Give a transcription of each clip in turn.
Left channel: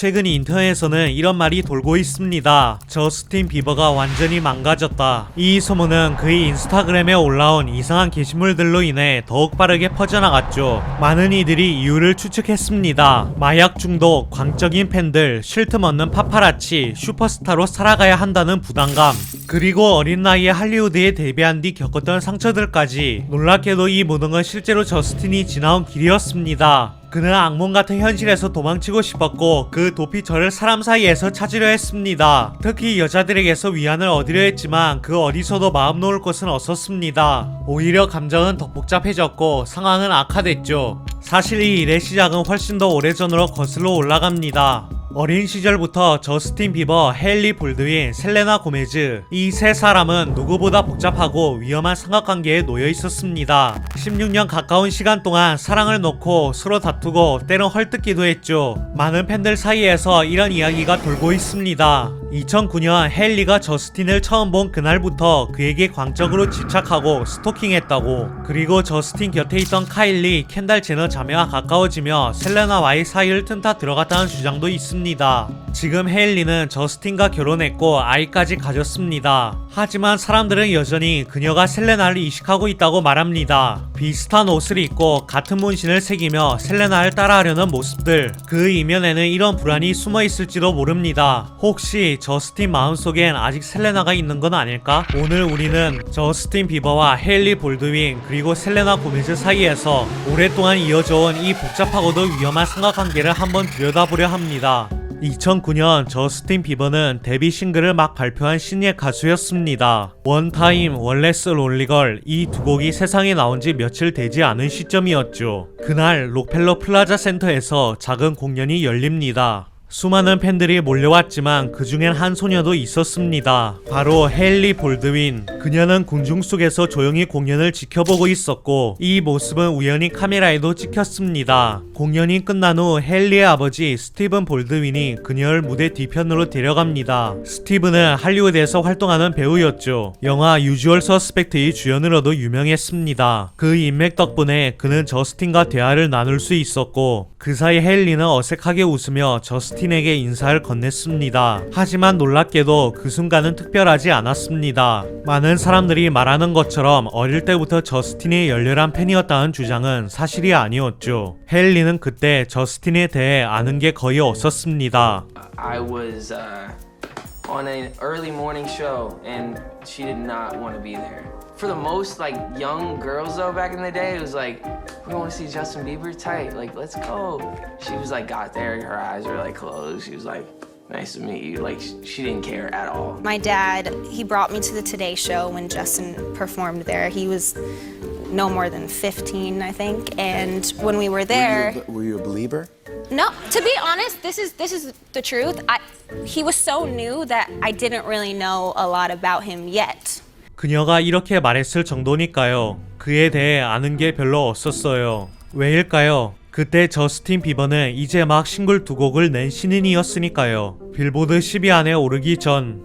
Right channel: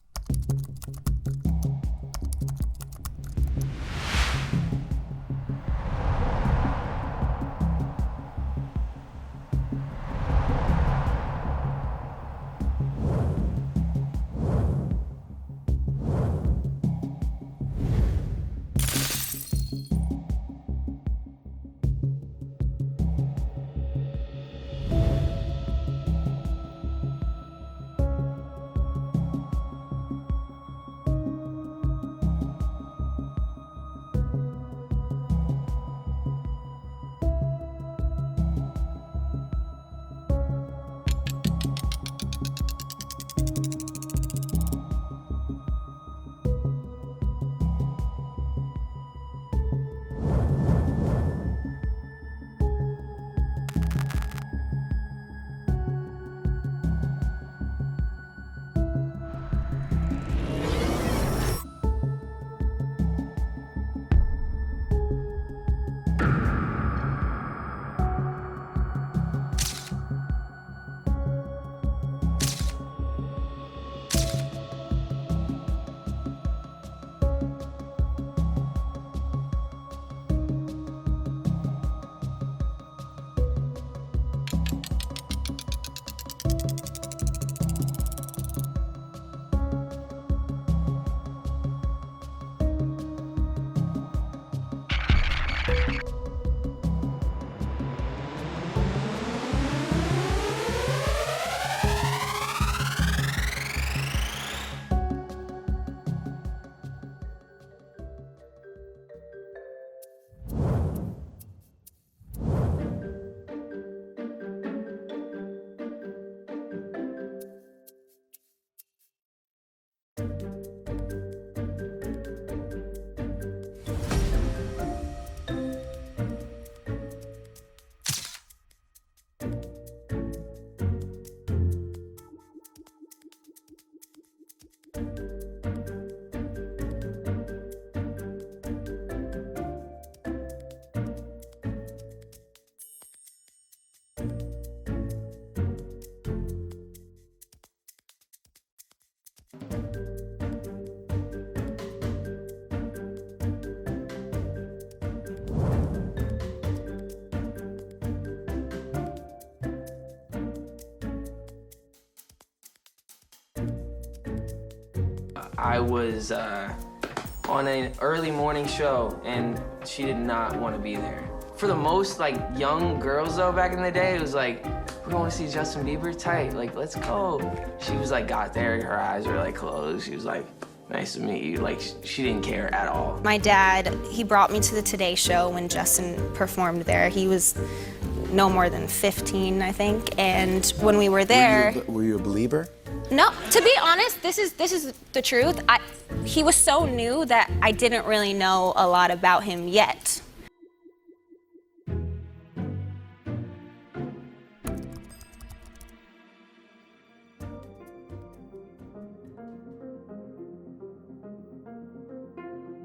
최근 인터넷에서는 이런 말이 돌고 있습니다. 저스틴 비버가 완전히 망가졌다. 이 소문은 그의 인스타그램에 올라온 이상한 게시물들로 인해 더욱 빠르게 퍼져나갔죠. 많은 이들이 이유를 추측했습니다. 마약 중독, 광적인 팬들, 쉴 틈 없는 파파라치, 슈퍼스타로 살아가야 한다는 부담감, 그리고 어린 나이에 할리우드에 데뷔한 뒤 겪었던 상처들까지. 놀랍게도 이 모든 건 실제로 저스틴이 지나온 길이었습니다. 그는 악몽 같은 현실에서 도망치고 싶었고 그 도피 저를 사람 사이에서 찾으려 했습니다. 특히 여자들에게서 위안을 얻으려 했지만 그 어디서도 마음 놓을 곳은 없었습니다. 오히려 감정은 더 복잡해졌고 상황은 악화됐죠. 사실 이 일의 시작은 훨씬 더 오래전으로 거슬러 올라갑니다. 어린 시절부터 저스틴 비버, 헤일리 볼드윈, 셀레나 고메즈, 이 세 사람은 누구보다 복잡하고 위험한 삼각관계에 놓여 있었습니다. 16년 가까운 시간 동안 사랑을 놓고 서로 다투고 때론 헐뜯기도 했죠. 많은 팬들 사이에서 이런 이야기가 돌고 있습니다. 2009년 헤일리가 저스틴을 처음 본 그날부터 그에게 광적으로 집착하고 스토킹했다고. 그리고 저스틴 곁에 있던 카일리, 켄달 제너 자매와 가까워지며 셀레나와의 사이를 틈타 들어갔다는 주장도 있습니다. 지금 헤일리는 저스틴과 결혼했고 아이까지 가졌습니다. 하지만 사람들은 여전히 그녀가 셀레나를 이식하고 있다고 말합니다. 비슷한 옷을 입고 같은 문신을 새기며 셀레나를 따라하려는 모습들, 그 이면에는 이런 불안이 숨어 있을지도 모릅니다. 혹시 저스틴 마음속엔 아직 셀레나가 있는 건 아닐까? 오늘 우리는 저스틴 비버와 헤일리 볼드윈 그리고 셀레나 고메즈 사이에서 오랫동안 이어져온 이 복잡하고도 위험한 삼각관계를 한번 들여다보려 합니다. 2009년 저스틴 비버는 데뷔 싱글을 막 발표한 신예 가수였습니다. 원타임, 원레스 롤리걸, 이 두 곡이 세상에 나온 지 며칠 되지 않은 시점이었죠. 그날 록펠러 플라자 센터에서 작은 공연이 열립니다. 수많은 팬들이 몰려왔지만 그 중엔 한 소녀도 있었습니다. 바로 헤일리 볼드윈. 그녀는 궁중 속에서 조용히 공연을 지켜보고 있었고 이 모습은 우연히 카메라에도 찍혔습니다. 공연이 끝난 후 헤일리의 아버지 스티븐 볼드윈이 그녀를 무대 뒤편으로 데려갑니다. 스티븐은 할리우드에서 활동하는 배우였죠. 영화 유주얼 서스펙트의 주연으로도 유명했습니다. 그 인맥 덕분에 그는 저스틴과 대화를 나눌 수 있었고 그 사이 헤일리는 어색하게 웃으며 저스틴에게 인사를 건넸습니다. 하지만 놀랍게도 그 순간은 특별하지 않았습니다. 많은 사람들이 말하는 것처럼 어릴 때부터 저스틴의 열렬한 팬이었다는 주장은 사실이 아니었죠. 헤일리는 그때 저스틴에 대해 아는 게 거의 없었습니다. I was on an early morning show and she did not want to be there. For the most like young girls though back in the day, it was like, we want to see Justin Bieber, tight, like let's go. She was like got there, her eyes were like closed. She was like, nice to meet you. Like she didn't care at all. My dad, he brought me to the Today Show when Justin performed there. He was no more than 15, I think. And when we were there, Were you a believer? no, to be honest, this is the truth. He was so new that I didn't really know a lot about him yet. 그녀가 이렇게 말했을 정도니까요. 그에 대해 아는 게 별로 없었어요. 왜일까요? 그때 저스틴 비버는 이제 막 싱글 두 곡을 낸 신인이었으니까요. 빌보드 10위 안에 오르기 전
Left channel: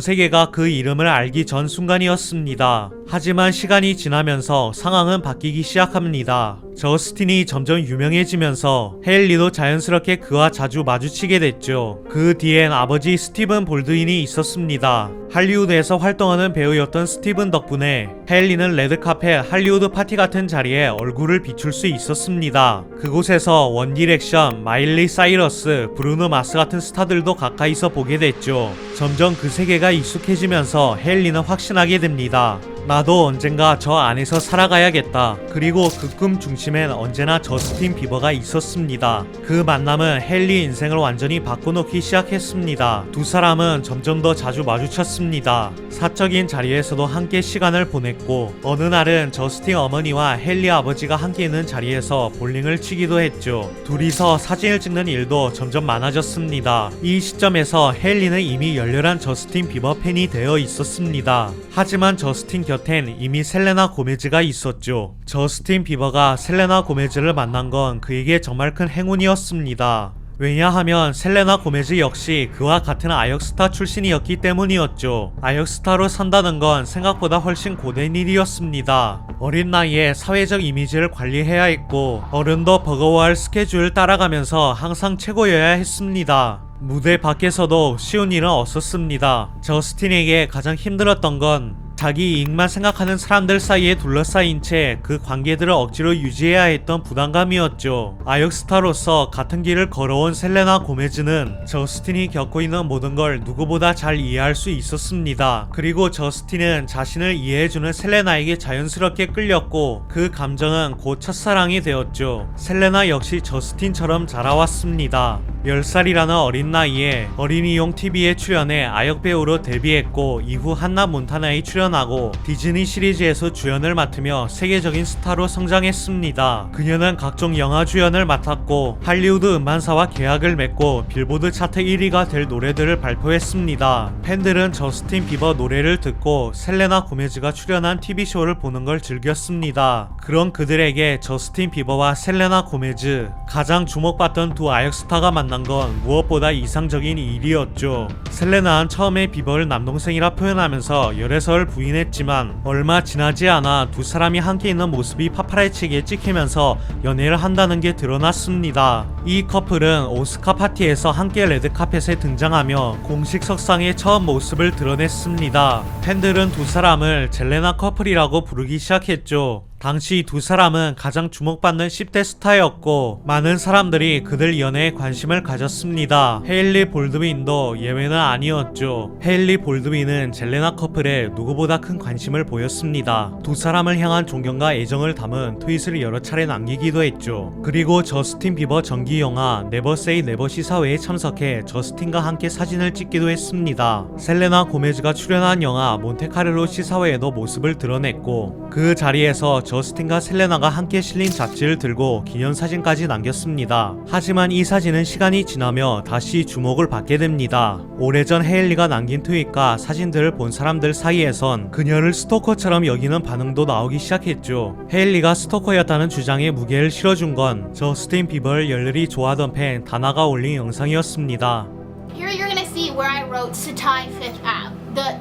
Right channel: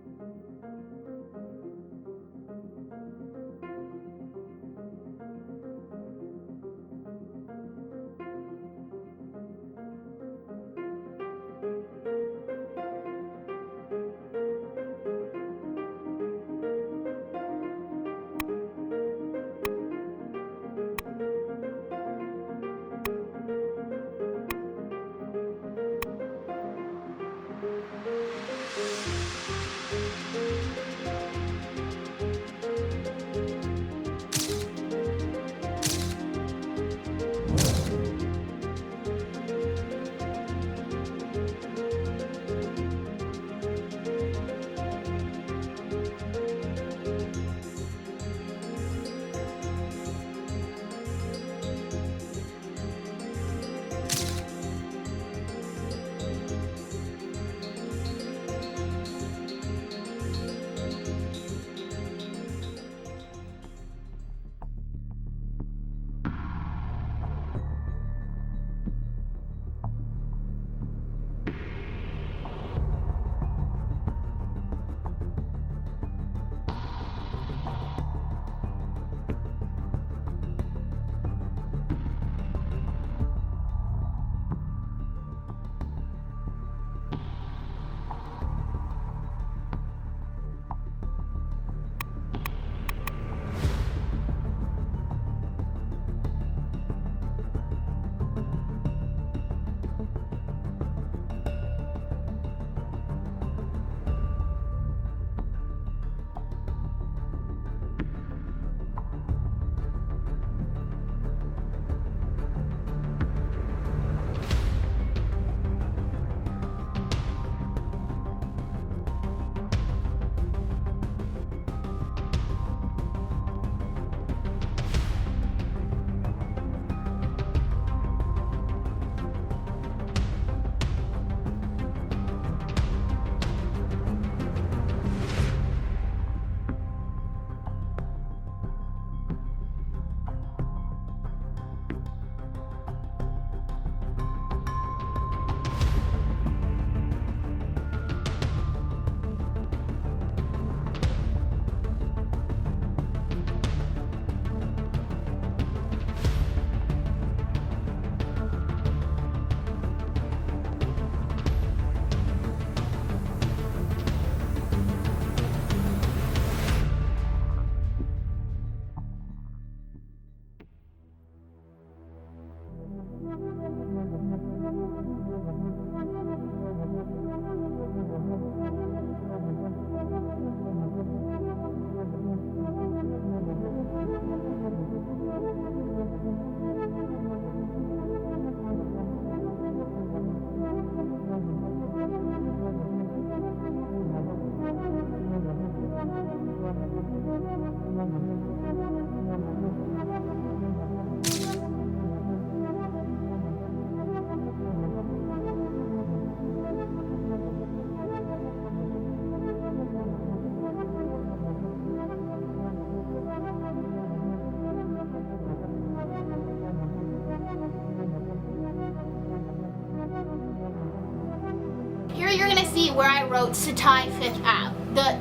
세계가 그 이름을 알기 전 순간이었습니다. 하지만 시간이 지나면서 상황은 바뀌기 시작합니다. 저스틴이 점점 유명해지면서 헤일리도 자연스럽게 그와 자주 마주치게 됐죠. 그 뒤엔 아버지 스티븐 볼드윈이 있었습니다. 할리우드에서 활동하는 배우였던 스티븐 덕분에 헤일리는 레드카펫, 할리우드 파티 같은 자리에 얼굴을 비출 수 있었습니다. 그곳에서 원디렉션, 마일리 사이러스, 브루노 마스 같은 스타들도 가까이서 보게 됐죠. 점점 그 세계가 익숙해지면서 헤일리는 확신하게 됩니다. 나도 언젠가 저 안에서 살아가야겠다. 그리고 그 꿈 중심엔 언제나 저스틴 비버가 있었습니다. 그 만남은 헤일리 인생을 완전히 바꿔놓기 시작했습니다. 두 사람은 점점 더 자주 마주쳤습니다. 사적인 자리에서도 함께 시간을 보냈고 어느 날은 저스틴 어머니와 헤일리 아버지가 함께 있는 자리에서 볼링을 치기도 했죠. 둘이서 사진을 찍는 일도 점점 많아졌습니다. 이 시점에서 헤일리는 이미 열렬한 저스틴 비버 팬이 되어 있었습니다. 하지만 저스틴 곁엔 이미 셀레나 고메즈가 있었죠. 저스틴 비버가 셀레나 고메즈를 만난 건 그에게 정말 큰 행운이었습니다. 왜냐하면 셀레나 고메즈 역시 그와 같은 아역스타 출신이었기 때문이었죠. 아역스타로 산다는 건 생각보다 훨씬 고된 일이었습니다. 어린 나이에 사회적 이미지를 관리해야 했고 어른도 버거워할 스케줄을 따라가면서 항상 최고여야 했습니다. 무대 밖에서도 쉬운 일은 없었습니다. 저스틴에게 가장 힘들었던 건 자기 이익만 생각하는 사람들 사이에 둘러싸인 채 그 관계들을 억지로 유지해야 했던 부담감이었죠. 아역스타로서 같은 길을 걸어온 셀레나 고메즈는 저스틴이 겪고 있는 모든 걸 누구보다 잘 이해할 수 있었습니다. 그리고 저스틴은 자신을 이해해주는 셀레나에게 자연스럽게 끌렸고 그 감정은 곧 첫사랑이 되었죠. 셀레나 역시 저스틴처럼 자라왔습니다. 10살이라는 어린 나이에 어린이용 TV에 출연해 아역 배우로 데뷔했고 이후 한나 몬타나에 출연하고 디즈니 시리즈에서 주연을 맡으며 세계적인 스타로 성장했습니다. 그녀는 각종 영화 주연을 맡았고 할리우드 음반사와 계약을 맺고 빌보드 차트 1위가 될 노래들을 발표했습니다. 팬들은 저스틴 비버 노래를 듣고 셀레나 고메즈가 출연한 TV쇼를 보는 걸 즐겼습니다. 그런 그들에게 저스틴 비버와 셀레나 고메즈, 가장 주목받던 두 아역스타가 만난 건 무엇보다 이상적인 일이었죠. 셀레나는 처음에 비버를 남동생이라 표현하면서 열애설을 부인했지만 얼마 지나지 않아 두 사람이 함께 있는 모습이 파파라치에게 찍히면서 연애를 한다는 게 드러났습니다. 이 커플은 오스카 파티에서 함께 레드카펫에 등장하며 공식 석상의 처음 모습을 드러냈습니다. 팬들은 두 사람을 젤레나 커플이라고 부르기 시작했죠. 당시 두 사람은 가장 주목받는 10대 스타였고 많은 사람들이 그들 연애에 관심을 가졌습니다. 헤일리 볼드윈도 예외는 아니었죠. 헤일리 볼드윈은 젤레나 커플에 누구보다 큰 관심을 보였습니다. 두 사람을 향한 존경과 애정을 담은 트윗을 여러 차례 남기기도 했죠. 그리고 저스틴 비버 정기 영화 네버 세이 네버 시사회에 참석해 저스틴과 함께 사진을 찍기도 했습니다. 셀레나 고메즈가 출연한 영화 몬테카를로 시사회에도 모습을 드러냈고 그 자리에서 저스틴과 셀레나가 함께 실린 잡지를 들고 기념사진까지 남겼습니다. 하지만 이 사진은 시간이 지나며 다시 주목을 받게 됩니다. 오래전 헤일리가 남긴 트윗과 사진들을 본 사람들 사이에선 그녀를 스토커처럼 여기는 반응도 나오기 시작했죠. 헤일리가 스토커였다는 주장에 무게를 실어준 건 저스틴 비버를 열렬히 좋아하던 팬 다나가 올린 영상이었습니다. Here you're gonna see where I wrote Satai Fifth Ave.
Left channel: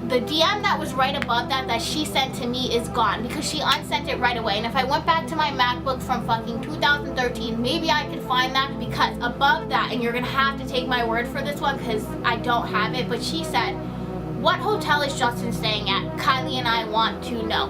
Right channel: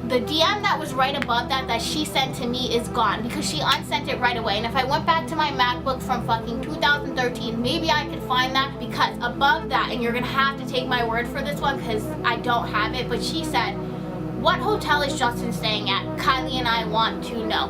The DM that was right above that she sent to me is gone because she unsent it right away. And if I went back to my MacBook from fucking 2013, maybe I could find that because above that, and you're gonna have to take my word for this one because I don't have it, but she said, "What hotel is Justin staying at? Kylie and I want to know."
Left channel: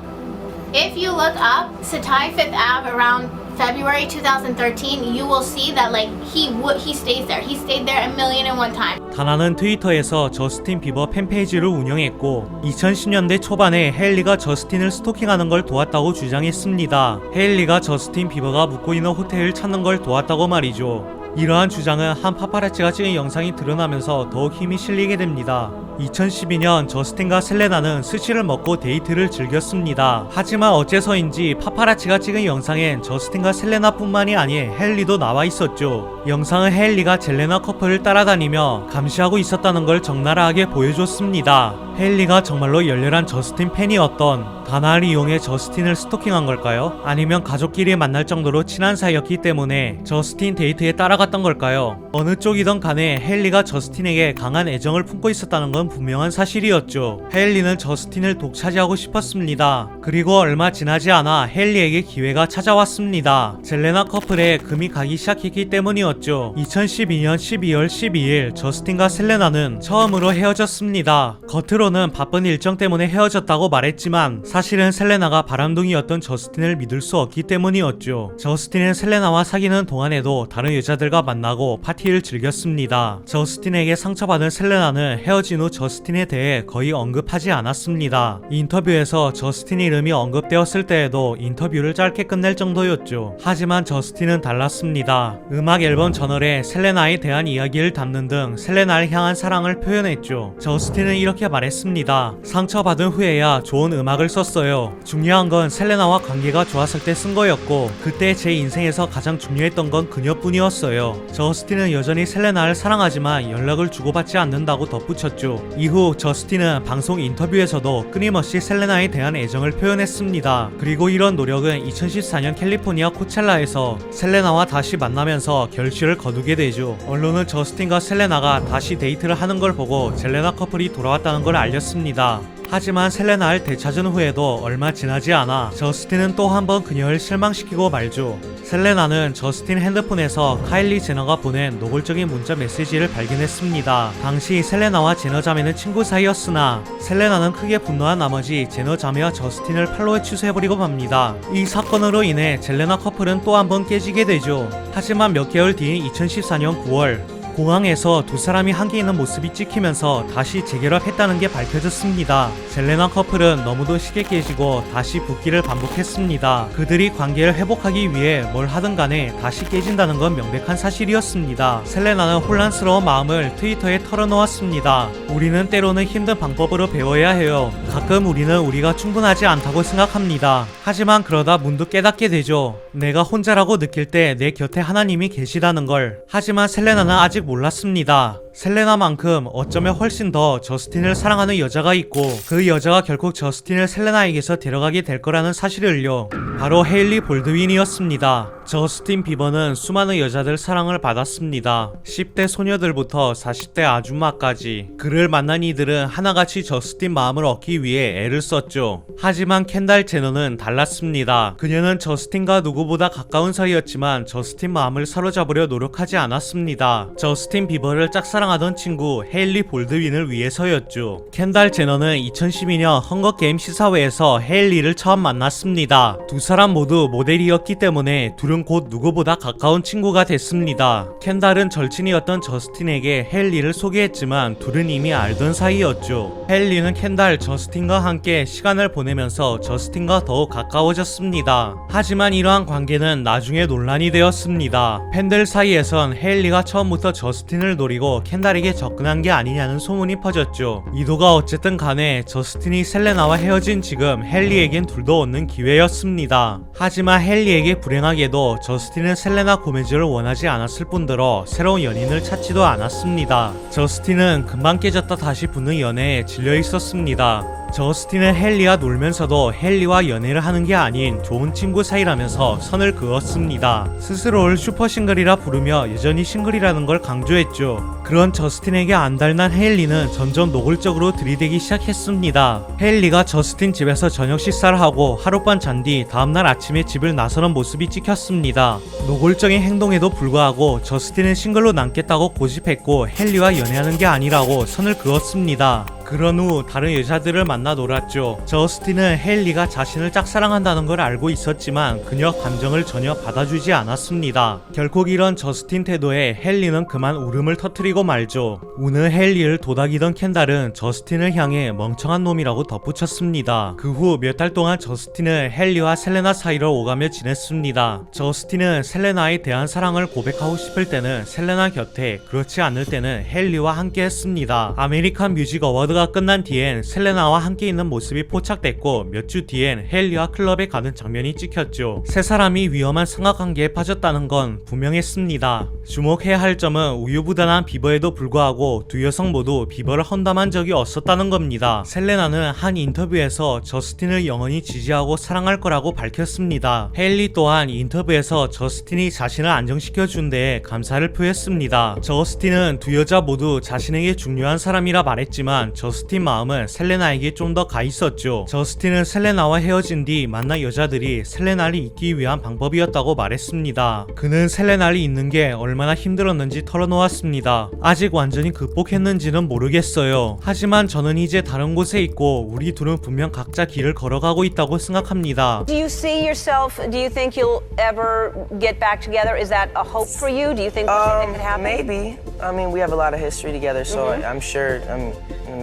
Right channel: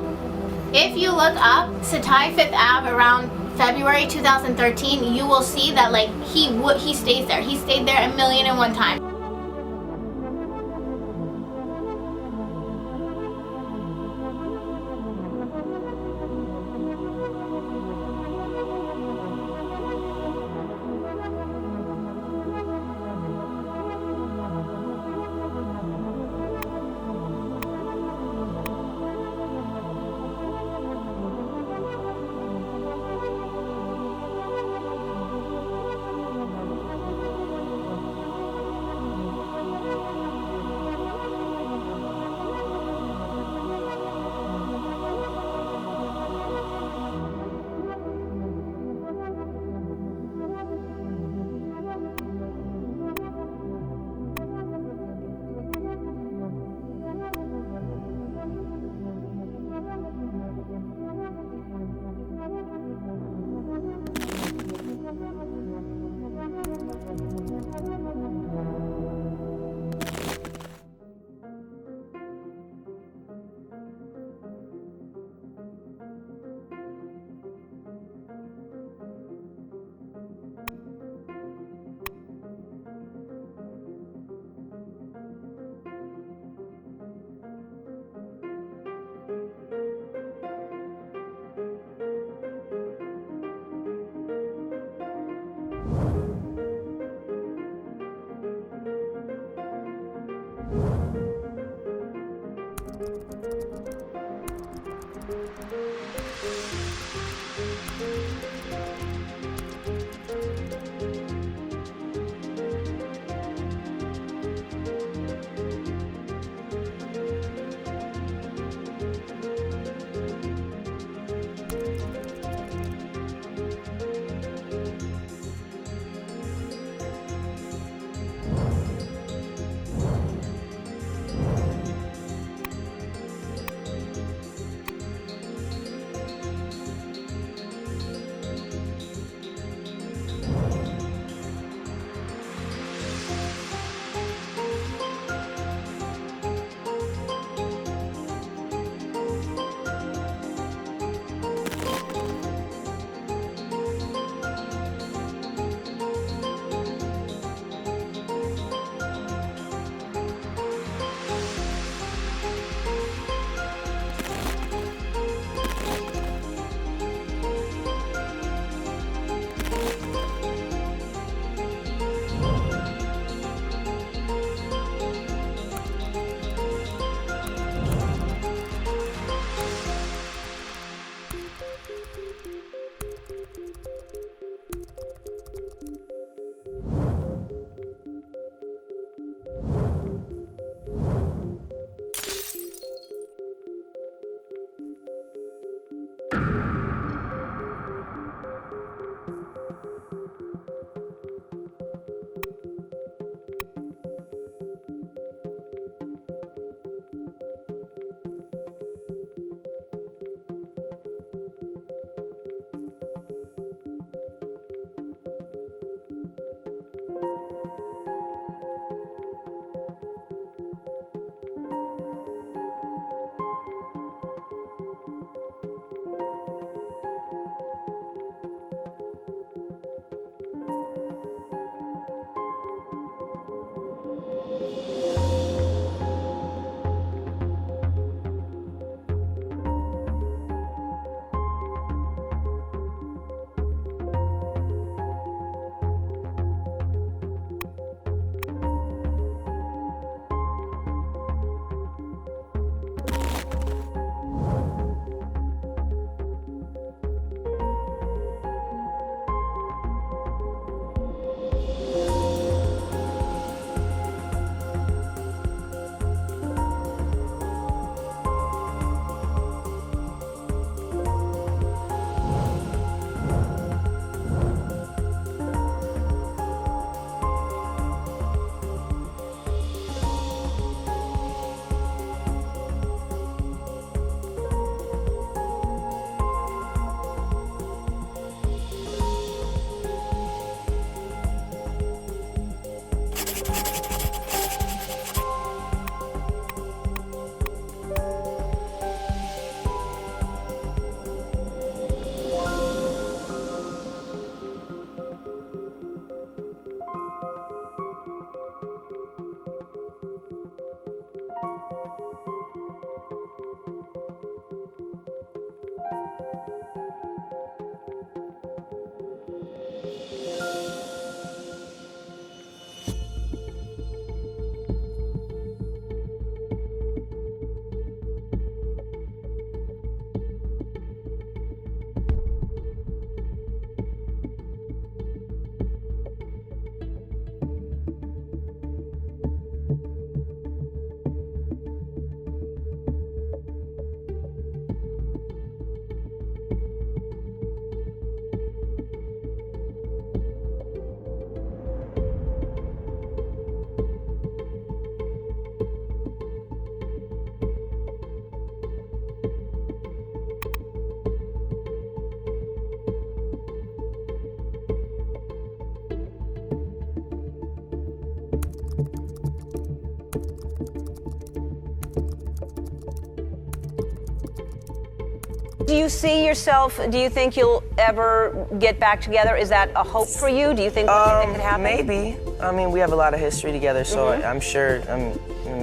If you look up Satai Fifth Ave around February 2013, you will see that like he stays there. He stayed there 1,000,001 times. 다나는 트위터에서 저스틴 비버 팬페이지를 운영했고 2010년대 초반에 헤일리가 저스틴을 스토킹하는 걸 도왔다고 주장했습니다. 헤일리가 저스틴 비버가 묵고 있는 호텔을 찾는 걸 도왔다고 말이죠. 이러한 주장은 한 파파라치가 찍은 영상이 드러나면서 더욱 힘이 실리게 됩니다. 2012년 저스틴과 셀레나는 스시를 먹고 데이트를 즐겼습니다. 하지만 어째서인지 파파라치가 찍은 영상엔 저스틴과 셀레나뿐만이 아닌 헤일리도 나와 있었죠. 영상은 헤일리가 젤레나 커플을 따라다니며 감시하고 있었다는 걸 적나라하게 보여줬습니다. 헤일리가 정말로 열렬한 저스틴 팬이었던 다나를 이용해 저스틴을 스토킹한 걸까요? 아니면 가족끼리 만날 정도로 친한 사이였기 때문에 저스틴 데이트에 따라갔던 걸까요? 어느 쪽이든 간에 헤일리가 저스틴에게 강한 애정을 품고 있었다는 건 분명한 사실이었죠. 헤일리는 저스틴을 독차지하고 싶었습니다. 그리고 얼마 지나지 않아 헤일리에게 기회가 찾아왔습니다. 젤레나 커플에 금이 가기 시작했기 때문이었죠. 2012년 12월 12일 저스틴과 셀레나는 처음으로 헤어졌습니다. 겉으로는 바쁜 일정 때문에 헤어졌다고 말했지만 사실은 셀레나가 바람둥이였던 저스틴을 믿을 수 없기 때문이었죠. 저스틴은 셀레나와 사귀는 동안에도 다른 여자들과 만나고 파티를 즐겼습니다. 저스틴에게 상처받은 셀레나는 헤어진 후 저스틴에 대해 거의 언급하지 않았습니다. 인터뷰에서 저스틴 이름이 언급되었을 때에도 인터뷰를 짧게 끝낼 정도였죠. 하지만 저스틴은 달랐습니다. 음악 앨범 저널에 셀레나에 대한 이야기를 담는 등 셀레나를 향한 사랑을 표현했죠. 저스틴은 이렇게 말했습니다. 상처받은 후에야 좋은 음악을 썼어요. 중요한 건 셀레나와 관계가 좋았을 때 쓴 거였고 그때 제 인생에서 가장 중요했던 건 그녀뿐이었어요. 저스틴은 여전히 셀레나를 사랑하지만 연락을 주고받지 않는다고 덧붙였죠. 이후 저스틴은 방송 인터뷰에서도 끊임없이 셀레나에 대한 애정을 표현했습니다. 그리고 이런 노력은 2014년 캘리포니아 코첼라에서 셀레나와 다시 만나면서 결실을 거두게 되죠. 언론은 저스틴과 셀레나가 다시 데이트를 하는 걸 보고 셀레나 커플이 돌아왔다는 걸 알렸습니다. 하지만 셀레나를 되찾은 후에도 얼마 지나지 않아 저스틴은 또 한 번 그녀를 실망시키고 말죠. 셀레나는 저스틴 핸드폰에서 카일리 제너가 보낸 노골적인 문자 메시지를 발견했습니다. 당시 셀레나와 제너 자매는 친구 사이였으나 셀레나는 크게 분노한 나머지 제너 자매와 저스틴을 팔로우에 취소해버리고 맙니다. 이 사건으로 인해 젤레나 커플은 또 한 번 깨지게 되죠. 하지만 몇 개월 뒤인 2014년 9월 공항에서 두 사람이 함께 있는 모습이 찍히면서 다시 재결합했다는 게 밝혀졌습니다. 젤레나 커플은 너무도 쉽게 깨지고 다시 붙기를 반복했습니다. 그들이 관계를 회복하기 위해 뭘 하든 간에 다시 깨진다는 건 명백한 사실이었습니다. 셀레나는 혼란스러운 마음을 트위터에 털어놓았습니다. 우리는 때로는 힘든 방법으로 배워야 해요. 가끔 우리는 우리가 충분하지 않다고 생각합니다. 하지만 그러다 문득 깨닫게 되죠. 내가 혼자라고 느낄 때 내 곁에 하나님이 계시다는 걸. 하지만 셀레나는 아직 몰랐습니다. 셀레나만큼 어쩌면 훨씬 더 저스틴을 사랑하는 여자가 있고 그 여자가 결국 저스틴을 셀레나에게서 데려가게 될 거라는 사실을요. 바로 헤일리 볼드윈이었습니다. 저스틴 비버는 수많은 여자들 사랑을 받았습니다. 10대 소녀들부터 40대 아줌마까지. 그를 만난 이들은 하나같이 저스틴 마음을 얻기 위해 애를 썼죠. 하지만 켄달 제너는 달랐습니다. 그녀는 저스틴과 누구보다 가까운 사이였지만 저스틴 마음을 사로잡으려 노력하지 않았습니다. 저스틴 비버를 짝사랑하던 친구 헤일리 볼드윈을 위해서였죠. 켄달 제너는 2012년 헝거게임 시사회에서 헤일리를 처음 만났습니다. 두 사람 모두 모델이었기 때문에 둘은 곧 누구보다 가까운 친구가 됐습니다. 켄달은 절친이었던 저스틴에게 헤일리를 소개했지만 둘은 이미 알던 사이였죠. 헤일리는 켄달, 저스틴과 함께 시간을 보내면서 저스틴과 더욱 가까워졌습니다. 하지만 이러한 관계는 나중에 논란이 되었습니다. 팬들 사이에선 헤일리가 처음부터 저스틴을 노리고 켄달에게 접근한 게 아니냐는 소문이 퍼졌죠. 이도가 어쨌든 간에 저스틴이 셀레나와 헤어진 지금 헤일리에겐 둘도 얻는 기회였습니다. 하지만 헤일리에게 불행하게도 저스틴은 셀레나 고메즈를 원하지 않았을 뿐더러 새로운 연인을 찾지도 않았습니다. 저스틴은 금방 깨졌다 다시 붙는 연애에 질려 있었습니다. 저스틴은 헤일리와 놀면서도 헤일리와 연애를 하는 게 아닌 좋은 친구 사이라면서 선을 그었습니다. 스스로를 슈퍼싱글이라 부르며 여전히 싱글이라는 걸 강조했죠. 그런 저스틴에게 안달난 헤일리는 점점 노골적으로 들이대기 시작했습니다. 헤일리가 저스틴 집에서 저녁 식사를 하고 하룻밤 잔 뒤 다음날 아침에 집을 나서는 모습이 찍혔습니다. 노골적인 행동에도 불구하고 저스틴은 싱글로 남겠다고 고집했고 헤일리와 연애하는 게 아니라고 선을 그었습니다. 그런 후 다른 여자들을 만나 놀았죠. 저스틴은 헤일리가 자신을 짝사랑한다는 걸 알고 있었지만 그녀 감정을 전혀 받아주지 않았습니다. 결국 이런 저스틴 태도에 헤일리는 그만 울음을 터뜨리고 말죠. 우는 헤일리를 도닥이던 켄달은 저스틴을 향해 멍청한 놈이라고 덧붙였습니다. 그 후 몇 달 동안 저스틴은 헤일리와 셀레나 사이를 오가며 지냈습니다. 저스틴은 셀레나에 대한 사랑을 고백하고 싶을 때는 셀레나 곁에, 그렇지 않을 때는 헤일리와 함께 했습니다. 아메리칸 뮤직 어워드 가 끝난 뒤엔 셀레나와 함께 있는 모습이 포착됐고 몇 주 뒤엔 헤일리와 클럽에 가는 장면이 찍혔죠. 세 사람이 위험한 삼각관계에 빠졌다는 건 분명했습니다. 주목해야 할 점은 우유부단한 비버에도 불구하고 두 여성 모두 비버를 험담한 적이 없었다는 겁니다. 셀레나는 한 인터뷰에서 저스틴을 영원히 지지하고 사랑할 거라고 밝혔습니다. 헤일리 또한 인터뷰에서 저스틴이 자신을 안정시켜준 데에 감사를 표했습니다. 저스틴은 두 여자 모두 자신에게 중요한 사람이라 말했지만 저스틴 마음은 셀레나에게 좀 더 가 있었죠. 저스틴은 셀레나와 헤어진 뒤 만난 여자들이 셀레나를 잊기 위한 방법이었다고 말했습니다. 그는 셀레나를 잊는 게 얼마나 힘들었는지 털어놓았습니다. 아직 완전히 극복했는지는 모르겠어요. 하지만 저는 이제 다른 곳에 있고 우리 둘은 분명 각자 길을 걸어가고 있다고 생각합니다. Do you see yourself, do you think you'll ever get back together? Is that a hope for you? Do you think that could happen? Maybe. I mean, we have a lot of history together, so I'm sure.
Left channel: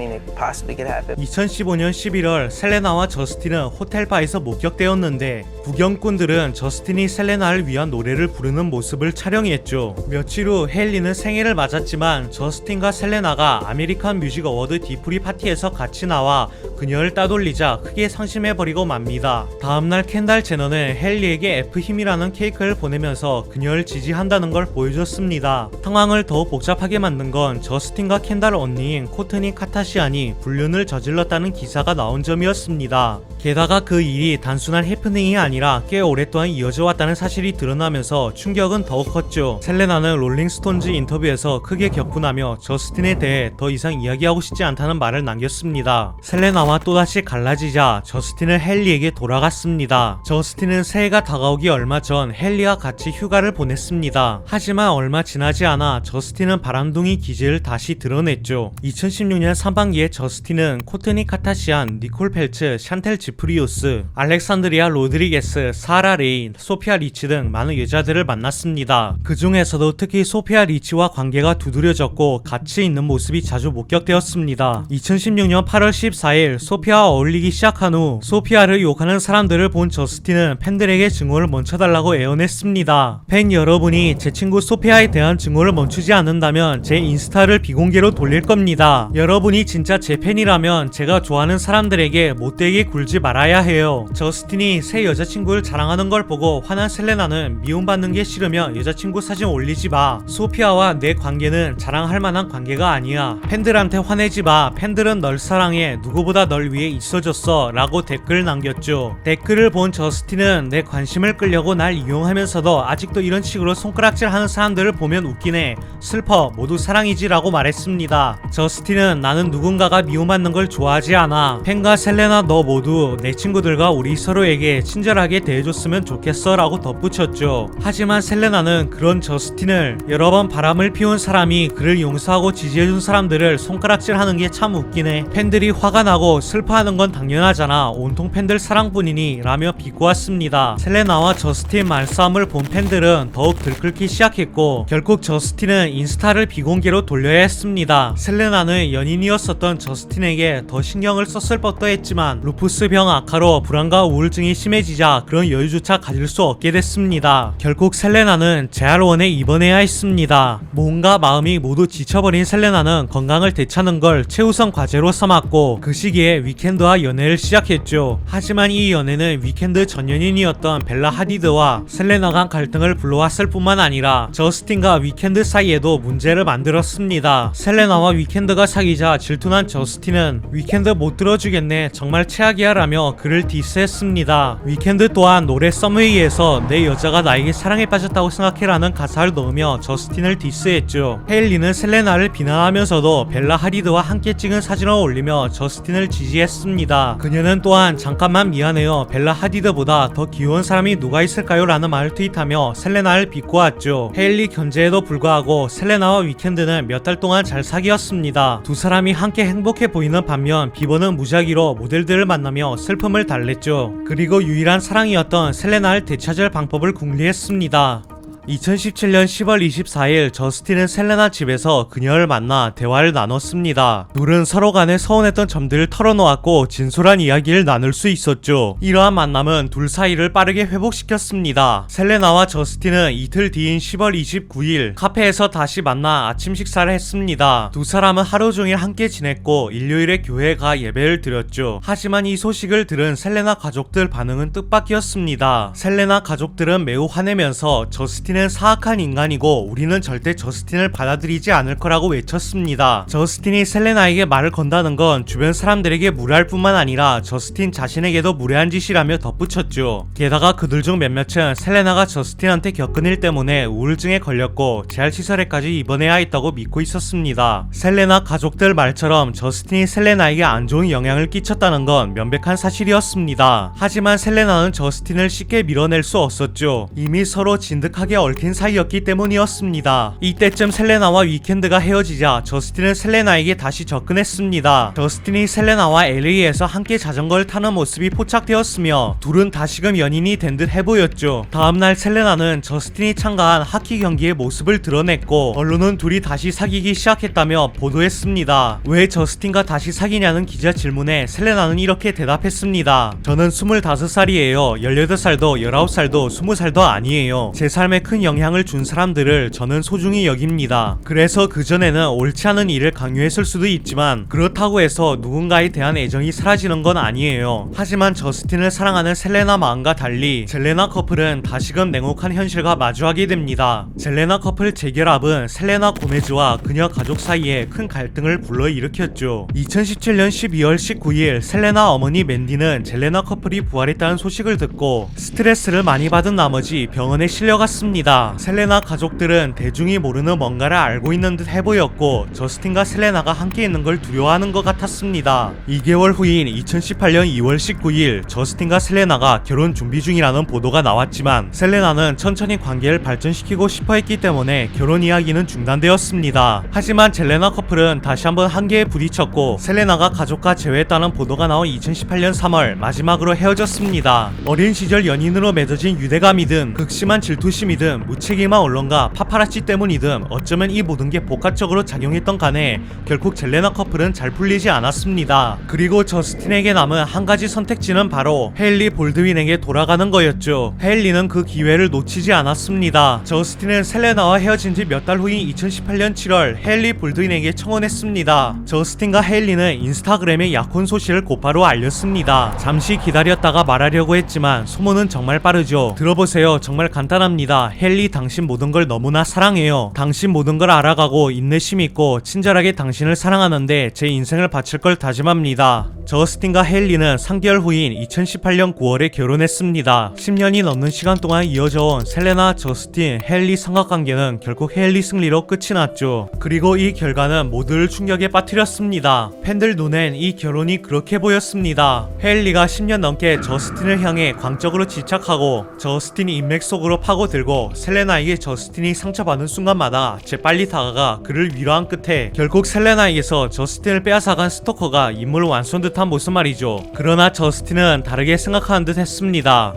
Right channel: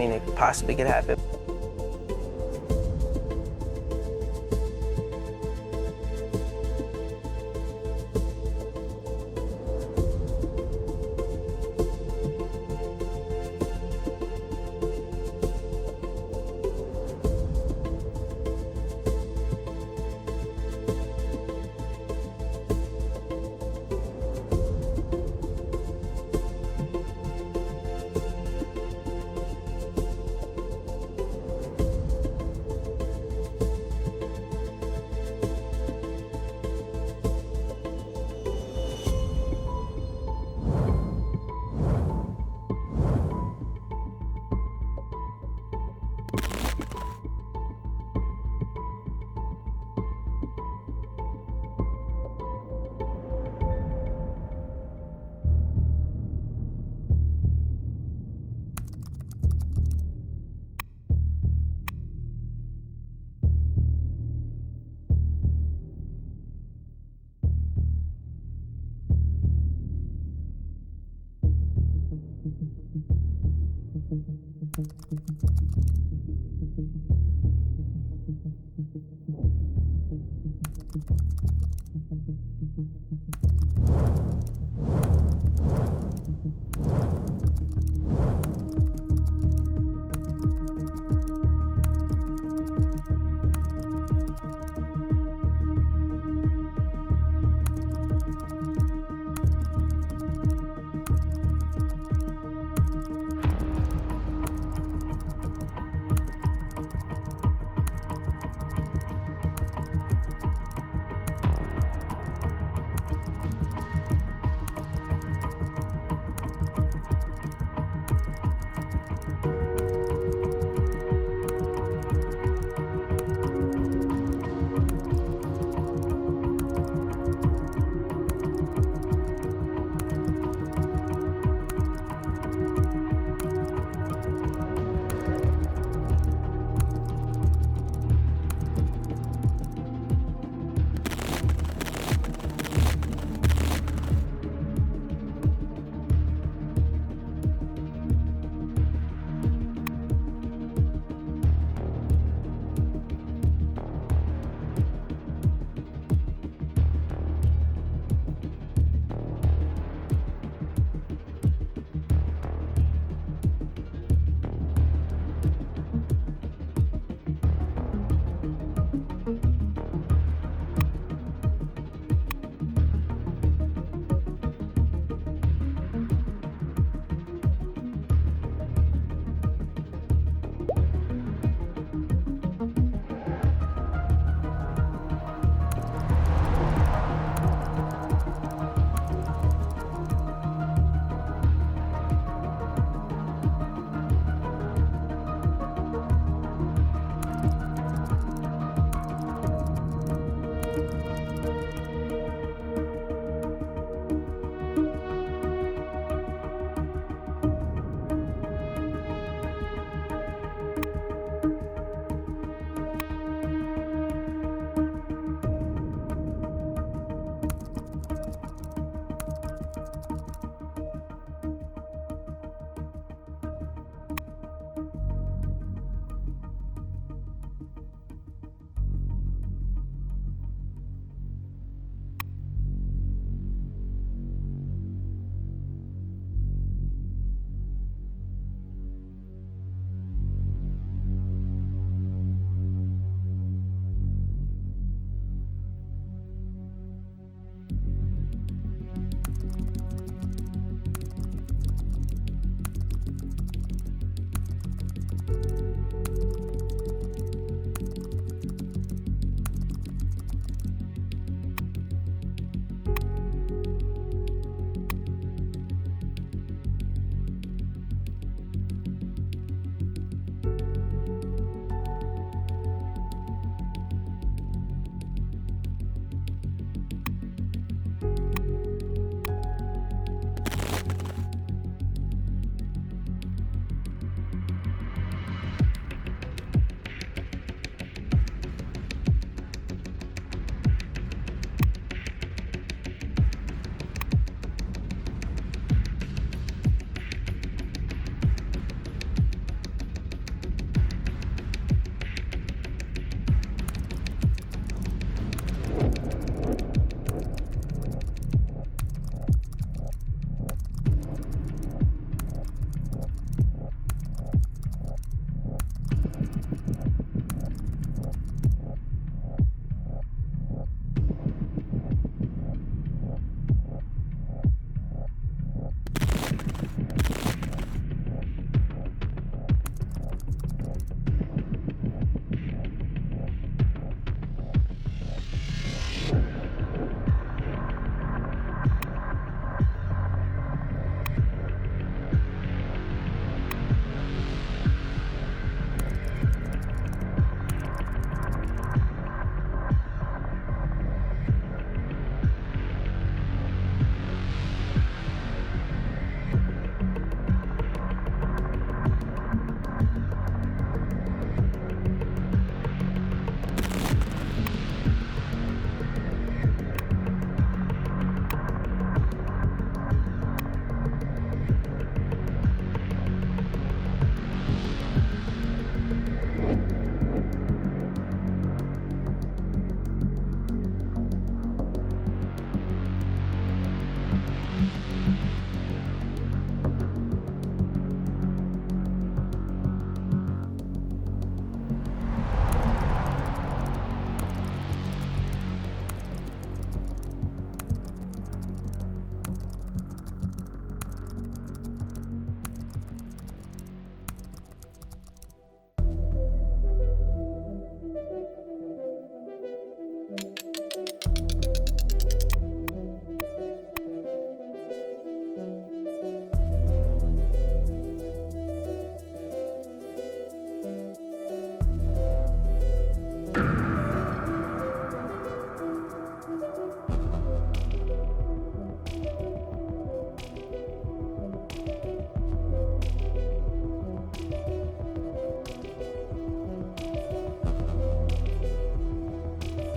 It possibly could happen. 2015년 11월 셀레나와 저스틴은 호텔바에서 목격되었는데 구경꾼들은 저스틴이 셀레나를 위한 노래를 부르는 모습을 촬영했죠. 며칠 후 헤일리는 생일을 맞았지만 저스틴과 셀레나가 아메리칸 뮤직 어워드 뒤풀이 파티에서 같이 나와 그녀를 따돌리자 크게 상심해버리고 맙니다. 다음날 켄달 제너는 헨리에게 F힘이라는 케이크를 보내면서 그녀를 지지한다는 걸 보여줬습니다. 상황을 더욱 복잡하게 만든 건 저스틴과 켄달 언니인 코트니 카타시안이 불륜을 저질렀다는 기사가 나온 점이었습니다. 게다가 그 일이 단순한 해프닝이 아니라 꽤 오랫동안 이어져 왔다는 사실이 드러나면서 충격은 더욱 컸죠. 셀레나는 롤링스톤즈 인터뷰에서 크게 격분하며 저스틴에 대해 더 이상 이야기하고 싶지 않다는 말을 남겼습니다. 셀레나와 또다시 갈라지자 저스틴은 헨리에게 돌아갔습니다. 저스틴은 새해가 다가오기 얼마 전 헨리와 같이 휴가를 보냈습니다. 하지만 얼마 지나지 않아 저스틴은 바람둥이 기질을 다시 드러냈죠. 2016년 상반기에 저스틴은 코트니 카타시안, 니콜 펠츠, 샨텔 지프리우스, 알렉산드리아 로드리게스, 사라 레인, 소피아 리치 등 많은 여자들을 만났습니다. 그 중에서도 특히 소피아 리치와 관계가 두드려졌고 같이 있는 모습이 자주 목격되었습니다. 2016년 8월 14일 소피아와 어울리기 시작한 후 소피아를 욕하는 사람들을 본 저스틴은 팬들에게 증오를 멈춰달라고 애원했습니다. 팬 여러분이 제 친구 소피아에 대한 증오를 멈추지 않는다면 제 인스타를 비공개로 돌릴 겁니다. 여러분이 진짜 제 팬이라면 제가 좋아하는 사람들에게 못되게 굴지 말아야 해요. 저스틴이 새 여자친구를 자랑하는 걸 보고 화난 셀레나는 미움받는 게 싫으면 여자친구 사진 올리지 마. 소피아와 내 관계는 자랑할 만한 관계가 아니야. 팬들한테 화내지 마. 팬들은 널 사랑해. 누구보다 널 위해 있어줬어. 라고 댓글을 남겼죠. 댓글을 본 저스틴은 내 관심을 끌려고 날 이용하면서도 아직도 이런 식으로 손가락질 하는 사람들을 보면 웃기네. 슬퍼. 모두 사랑이지 라고 말했습니다. 저스틴은 나는 누군가가 미움받는 걸 좋아하지 않아. 팬과 셀레나 너 모두 내 친구들과 우리 서로에게 친절하게 대해줬으면 좋겠어 라고 덧붙였죠. 하지만 셀레나는 그런 저스틴을 여러 번 바람을 피운 사람이 그를 용서하고 지지해준 사람들을 손가락질하는 게 참 웃기네. 팬들이 화가 나고 슬퍼하는 건 당연하잖아. 온통 팬들 사랑뿐이니 라며 비꼬았습니다. 셀레나와 저스틴 말싸움을 본 팬들은 더욱 들끓기 시작했고 결국 저스틴은 인스타를 비공개로 돌려야 했습니다. 셀레나는 연인이었었던 저스틴에게 더 신경을 썼을 법도 했지만 루푸스병 악화로 불안과 우울증이 심해지자 그런 여유조차 가질 수 없게 됐습니다. 결국 셀레나는 재활원에 입원해야 했습니다. 몸과 마음이 모두 지쳐버린 셀레나는 건강을 되찾는 걸 최우선 과제로 삼았고 그 시기에 위켄드와 연애를 시작했죠. 하지만 이 연애는 위켄드 전 연인이었던 벨라 하디드와 셀레나 간 갈등을 불러왔을 뿐만 아니라 저스틴과 위켄드 사이에도 문제를 만들었습니다. 셀레나와 위켄드가 사귀자 질투난 저스틴은 위켄드 못 들어주겠네 정말 최악이야 라며 그를 디스했습니다. 위켄드 또한 노래 썸웨이에서 내 여자가 나에게 사랑에 빠졌다고 생각해라는 가사를 넣으며 저스틴을 디스했죠. 헤일리는 셀레나를 비난하면서도 벨라 하디드와 함께 찍은 사진을 올리며 저스틴을 지지했습니다. 그녀는 또한 잠깐만 미안해요. 벨라 하디드보다 더 귀여운 사람이 누가 있을까요? 라는 말을 트윗하며 셀레나를 비꼬았죠. 헤일리 견제에도 불구하고 셀레나와 위켄드는 몇 달 동안 잘 사귀었습니다. 두 사람이 함께 행복해 보이는 반면 비버는 무작위로 모델들을 만나며 슬픔을 달랬죠. 그리고 유일한 사랑이었던 셀레나를 되찾을 방법을 궁리했습니다. 2017년 10월 24일 저스틴은 셀레나 집에서 그녀를 만나 대화를 나눴습니다. 둘은 서로 간에 서운했던 점들을 털어놓았고 진솔한 이야기를 나눌 수 있었죠. 이러한 만남은 둘 사이를 빠르게 회복시켰습니다. 셀레나와 저스틴은 이틀 뒤인 10월 29일 카페에서 다시 만나 아침 식사를 했습니다. 두 사람은 하루 종일 함께 지냈고 일요일에 교회에 가 예배를 드렸죠. 하지만 이 소식을 들은 셀레나 가족들 반응은 뜻밖이었습니다. 셀레나 가족들은 매우 화내면서 저스틴 저스틴은 사악한 인간이고 우리는 절대 저스틴을 받아들이지 않을 거라고 외쳤습니다. 저스틴이 셀레나에게 말을 건다는 건 주변 사람들에게 무례할 뿐만 아니라 저스틴 자신에게도 무례한 짓이라며 덧붙였죠. 게다가 그들 중 몇몇은 셀레나가 저스틴한테 겪은 일 때문에 우울증에 걸렸고 재활시설에까지 입원해야 했다고 믿고 있었습니다. 셀레나 가족들 말처럼 저스틴이 셀레나에게 안 좋은 영향을 끼쳤다는 건 명백한 사실이었습니다. 하지만 셀레나는 저스틴을 쉽게 밀어낼 수 없었죠. 이미 서로 진득하게 얽힌 사이였기 때문이었습니다. 이때쯤 셀레나와 위켄드가 헤어지자 저스틴은 셀레나에게 다시 접근했습니다. 저스틴이 셀레나와 LA에서 함께 자전거를 타는 모습이 포착되었으며 둘은 다시금 연인이 된 듯 해보였죠. 다음날 셀레나는 저스틴이 참가한 하키 경기의 모습을 드러냈고 언론은 둘이 다시 사귀기 시작했다며 보도했습니다. 왜 저스틴과 다시 사귀냐는 기자 질문에 셀레나는 이렇게 대답했습니다. 저는 25살이에요. 18살도 19살도 20살도 아니에요. 제 삶에 큰 큰 영향을 준 사람들을 저는 소중히 여깁니다. 그래서 그전에는 옳지 않은 일을 강요했을 수도 있지만 그렇다고 해서 누군가에 대한 애정이 사라지는 건 아니에요. 하지만 저스틴을 사랑하는 셀레나 마음과 달리 젤레나 커플은 다시금 냉혹한 현실과 마주하게 됩니다. 젤레나 커플 재결합은 셀레나 고메즈와 그녀 가족 사이에 큰 갈등을 불러일으켰죠. 2017년 12월 19일 셀레나 어머니 맨디는 젤레나 커플이 부활했다는 소식을 듣고 스트레스를 많이 받은 나머지 병원에 실려갔습니다. 셀레나 가족들은 대중이 모르는 뭔가를 알고 있는 듯 해보였고 저스틴과 셀레나가 함께 있는 걸 두려워하는 것 같았습니다. 2개월 후인 2018년 2월 19일 저스틴과 셀레나가 결혼 준비 중이라는 보도가 나왔지만 셀레나는 천천히 관계를 발전시키고 싶어 했기 때문에 결혼 이야기는 중단되었습니다. 하지만 젤레나 커플은 다시 한번 한계에 부딪혔고 셀레나가 가족과 재회했다는 보도가 나온 2018년 3월 마지막으로 헤어졌습니다. 어린 시절 연인으로 맺어진 유대감이든 극심한 질투심이든 무책임한 언론과 파파라치 때문이든 어쩌면 이 모든 게 복합적으로 작용했던 간에 결국 젤레나 커플은 잘 풀리지 않았습니다. 그리고 저스틴에게 남은 한 가지 선택지는 바로 헤일리 볼드윈에게 돌아가는 거였죠. 헤일리는 그 기회를 놓치지 않았습니다. 저스틴은 셀레나와 헤어진 지 몇 달 후인 2018년 7월 헤일리 볼드윈에게 청혼했습니다. 저스틴과 헤일리는 인스타그램에 약혼 소식을 곧바로 알렸습니다. 잠시 기다렸다가 말하려고 했지만 소문은 정말 빠르죠. 들어보세요. 정말 간단합니다. 헤일리, 당신 모든 걸 너무나 사랑해요. 당신 모든 걸 알아가고 인내심 있고 친절하게 당신을 사랑하는데 제 인생을 바칠 걸 다짐합니다. 저스틴과 헤일리는 3개월 후인 2018년 9월에 결혼했습니다. 10년이 넘는 시간 동안 이어져온 셀레나, 저스틴, 헤일리 삼각관계는 결국 헤일리 승리로 끝이 났죠. 그리고 이 결과는 모두를 충격에 빠뜨렸습니다. 팬들 눈엔 이 결혼이 그렇게 보였습니다. 헤일리가 10년 넘게 저스틴을 향해 광적으로 집착하고 저스틴이 인맥 속으로 파고들고 셀레나에게 저스틴이 상처받는 순간마다 재빨리 다가가 그를 위로한 끝에 결국 셀레나에게서 저스틴을 빼앗아간 스토커가 인물 완수한 듯한 모습 말이죠. 그러나 저스틴은 다르게 생각하는 듯 했습니다.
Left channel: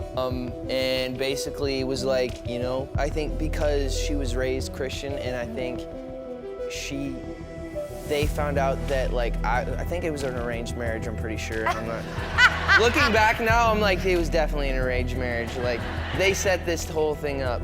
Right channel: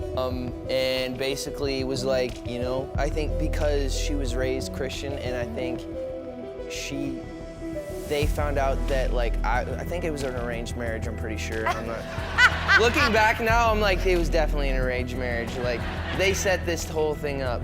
And basically was like, you know, I think because she was raised Christian and I think they found out that like I think it was an arranged marriage, I'm pretty sure. I'm not looking back now, I'm like it was definitely an arranged marriage. Like they set this whole thing up.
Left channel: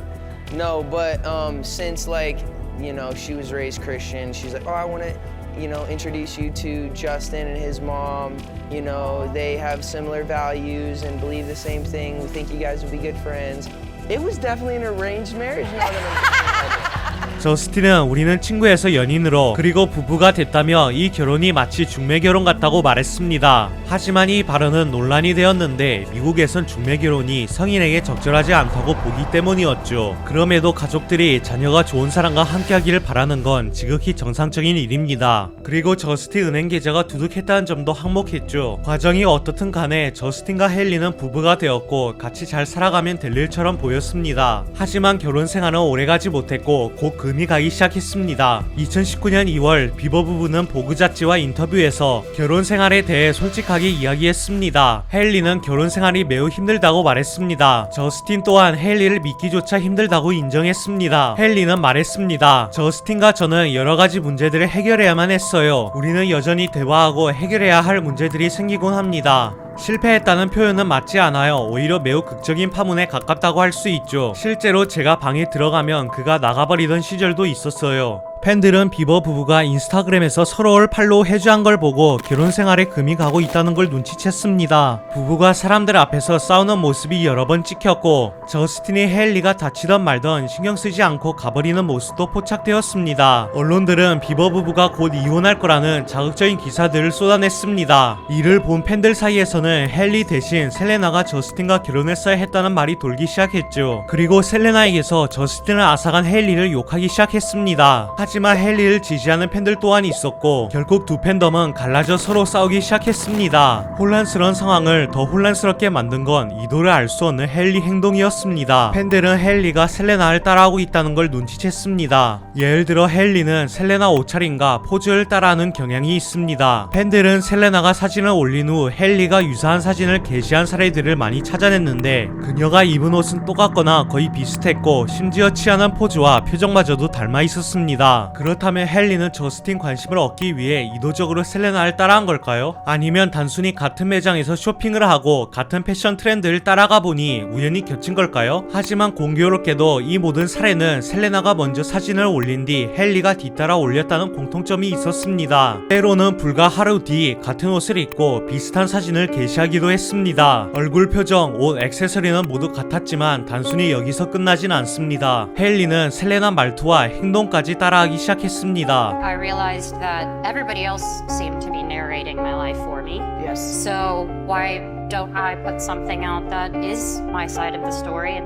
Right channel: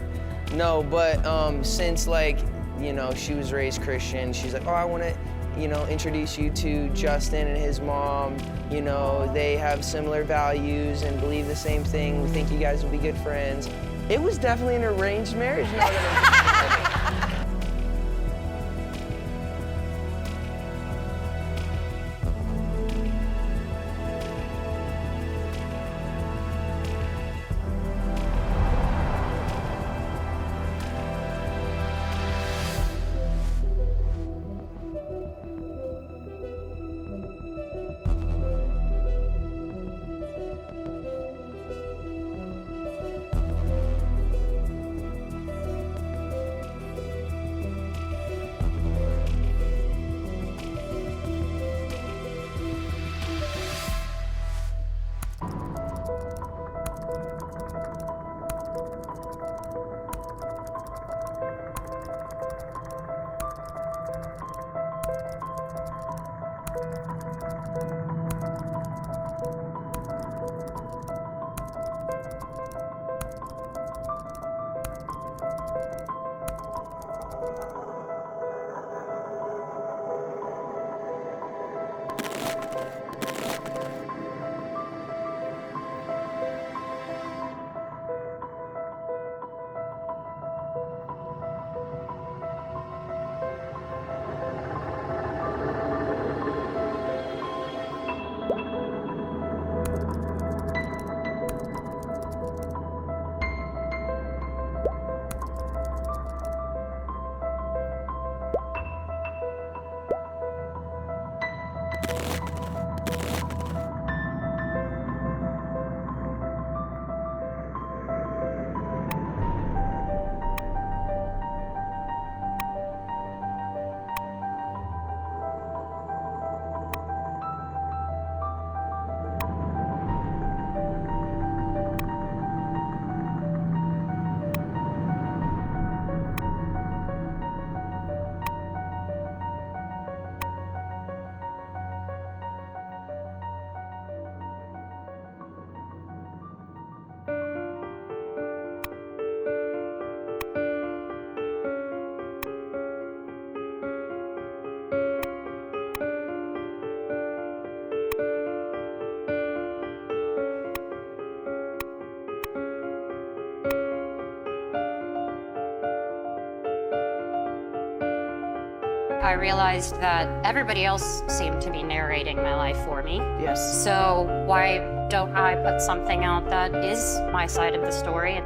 No, but since like, you know, she was raised Christian, she's like, "Oh, I want to, you know, introduce you to Justin and his mom. You know, they have similar values and believe the same thing. We think you guys would be good friends." It was definitely an arranged marriage. Now that I'm thinking about it. 저스틴은 우리는 친구에서 연인으로 그리고 부부가 됐다며 이 결혼이 마치 중매결혼 같다고 말했습니다. 하지만 이 발언은 논란이 되었는데 미국에선 중매결혼이 성인에게 적절하지 않다고 보기 때문이었죠. 그럼에도 가족들이 자녀가 좋은 사람과 함께하기를 바라는 건 지극히 정상적인 일입니다. 그리고 저스틴 은행 계좌가 두둑했다는 점도 항목했죠. 과정이 어떻든 간에 저스틴과 헤일리는 부부가 되었고 같이 잘 살아가면 될 일처럼 보였습니다. 하지만 결혼 생활은 오래가지 못했고 곧 금이 가기 시작했습니다. 2019년 2월 비버 부부는 보그 잡지와 인터뷰에서 결혼 생활에 대해 솔직하게 이야기했습니다. 헤일리는 결혼 생활이 매우 힘들다고 말했습니다. 저스틴 또한 헤일리를 믿기조차 힘들다고 인정했습니다. 헤일리는 말했습니다. 저스틴과 저는 여러 가지 문제들을 해결해야만 했어요. 우리는 여전히 대화하고 해결해야 할 문제들이 생기곤 합니다. 실패했다는 표현은 맞지 않아요. 오히려 매우 극적인 파문에 가깝다고 할 수 있죠. 실제로 제가 방에 들어가면 그가 나가버리던 시절도 있었어요. 팬들은 비버 부부가 인스타그램에서 서로를 팔로우 해주한 걸 보고 결혼 생활에 금이 가고 있다는 걸 눈치챘습니다. 부부가 사람들 앞에서 싸우는 모습이 여러 번 찍혔고 저스틴이 헤일리가 다치던 말던 신경 쓰지 않고 가버리는 모습도 포착되었습니다. 언론들은 비버 부부가 곧 이혼할 거라는 자극적인 기사들을 쏟아냈습니다. 이를 본 팬들 사이에서는 헤일리 대신 셀레나가 저스틴과 결혼했어야 했다는 말이 돌기 시작했죠. 그리고 셀레나에게서 저스틴을 앗아간 헤일리를 욕하기 시작했습니다. 하지만 헤일리를 지지하는 팬들 또한 있었고 결국 두 팬덤은 갈라져 서로 싸우기 시작했습니다. 혼란스러운 상황을 더 혼란스럽게 만든 건 이도를 알 수 없는 헤일리 행동이었습니다. 팬들은 헤일리가 셀레나를 따라하고 있다는 걸 눈치챘습니다. 예를 들어 헤일리는 셀레나 옷차림과 포즈를 따라하는 경향이 있습니다. 팬들은 셀레나가 사진을 올린 후 헤일리가 유사한 사진을 게시한 사례들을 많이 찾아냈는데 그녀가 입은 옷은 똑같거나 거의 비슷했고 심지어 취하는 포즈와 표정마저도 닮아 있었습니다. 했습니다. 그렇다면 헨리는 저스틴 관심을 얻기 위해 의도적으로 셀레나를 따라한 걸까요? 아니면 단순히 같은 매장에서 쇼핑을 하고 같은 패션 트렌드를 따라가 보니 우연히 겹친 걸까요? 하지만 공교롭게도 이 모든 사례는 셀레나가 먼저 사진을 올린 뒤 헨리가 뒤따라 올렸다는 공통점이 있었습니다. 때로는 불과 하루 뒤 같은 옷을 입고 비슷한 사진을 게시하기도 했습니다. 얼굴 표정, 옷, 액세서리는 모두 같았지만 단순히 여기서 끝나진 않습니다. 헨리는 셀레나 말투와 행동까지 따라하기 시작했습니다. I realized that everybody else seemed to be narrating my life for me. Yes. So why don't I put something out that is my side of the story?